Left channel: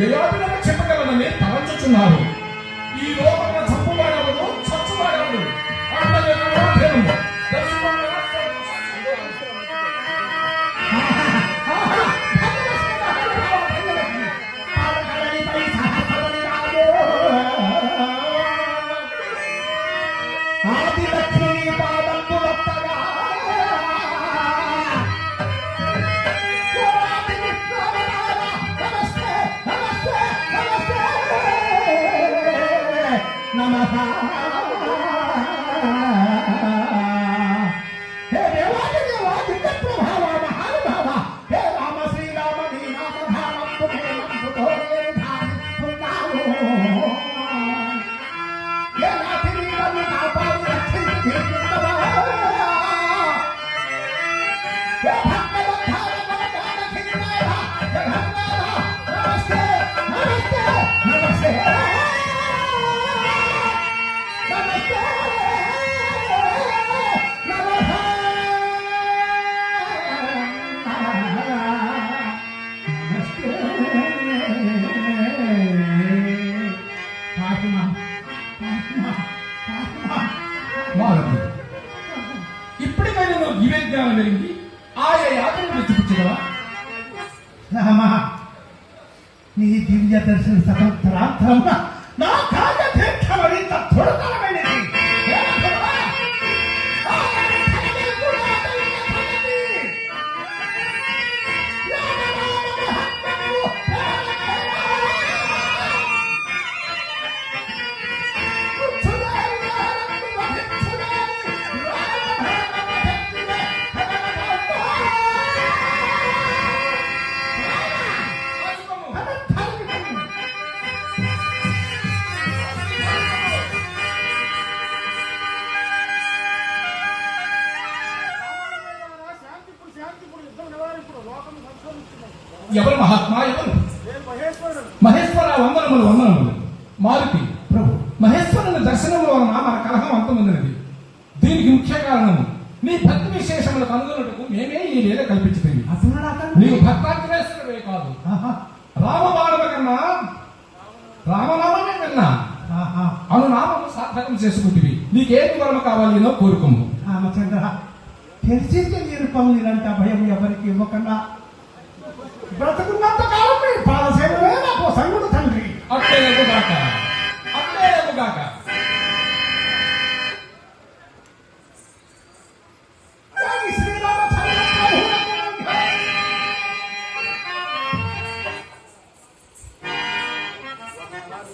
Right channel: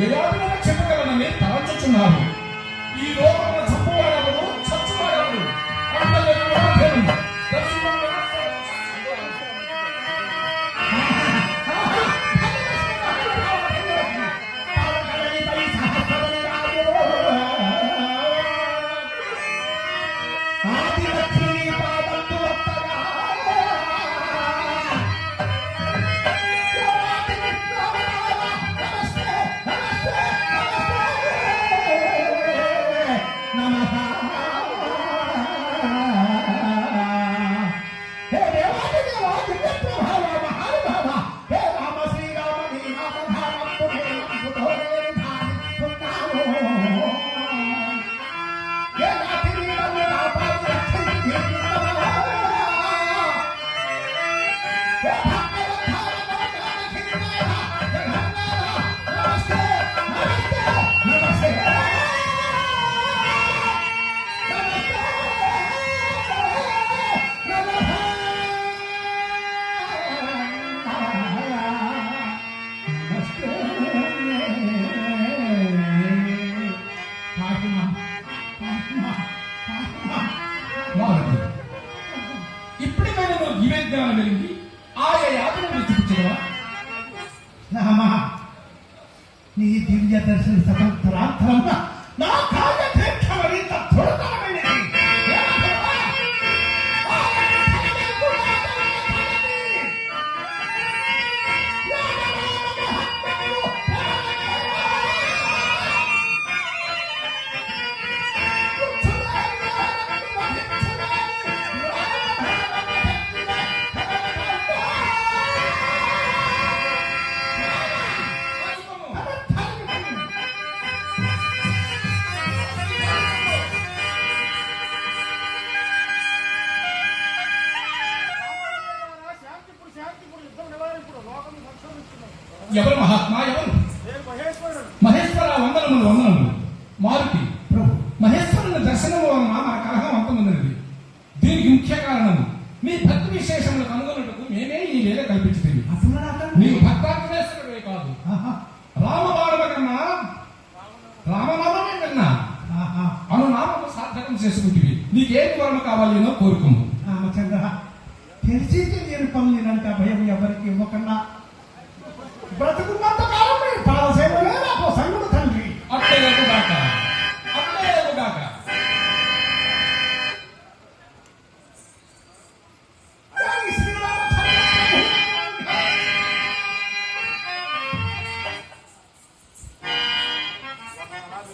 ఎలాంటి చెప్పగలనని తలంచుచున్నారు. ఈ లోపల చంపువాడెవరు, చచ్చువాడెవరు ఇప్పటికైనా నువ్వు దివ్య జ్ఞానం జరిగింది ఆయా యాత్రలు చూపించగలవా? రామా, నీ దివ్య దర్శన స్వతంత్రాంతరంగా నా కార్యక్షమరింత దుర్గమైనది. ఎవరు మహాత్మా? ఎవరు? మహేశ్వర వందనములు వందనములు. మారుతి ప్రభు, మహేశ్వరుని దర్శనము వలన మన కలహం అంతమున్నది. దీనికి ముఖ్య కారణం నీ భక్తి విశేషములు కనుగొనుటకు మేమే ఈ వేళ కల్పించుతుంది. నీవు భక్తాగ్రేశ్వరుడే కాదు, రామబాణుల కన్నా రామనామమే కన్నా అనునామము సార్థకం చేసుకుంటుంది. నీకేమి వరమ కావాలేనో కోరుకోము.